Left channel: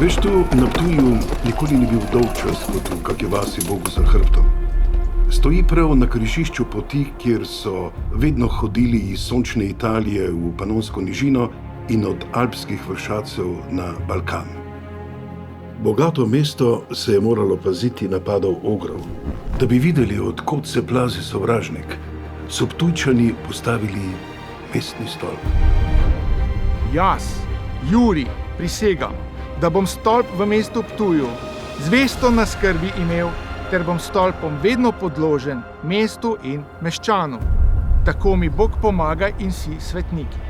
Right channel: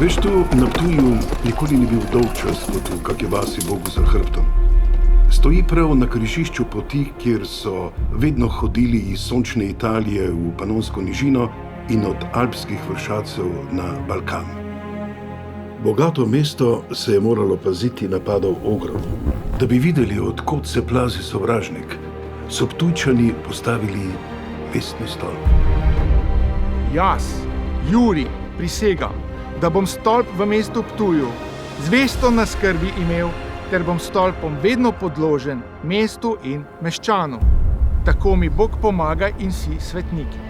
Veš, tu na Ptuju nikoli ni bil dolg čas kot v kakšni vasi Bogu za hrbtom. Stoji prav na križišču poti, kjer so vedno hodili iz sončne Italije v Panonsko nižino in od alpskih vršacev na Balkan. Bogato mesto se je moralo paziti napadov ogrov. Da bi videli, od kod se plazi sovražnik, so Ptujčani postavili mestni stolp. Jaz, Jurij, prisegam, da bom stolp v mestu Ptuju zvesto na skrbi imel, ter bom stolpom vedno podložen mestu in meščanom. Tako mi Bog pomaga in vsi svetniki.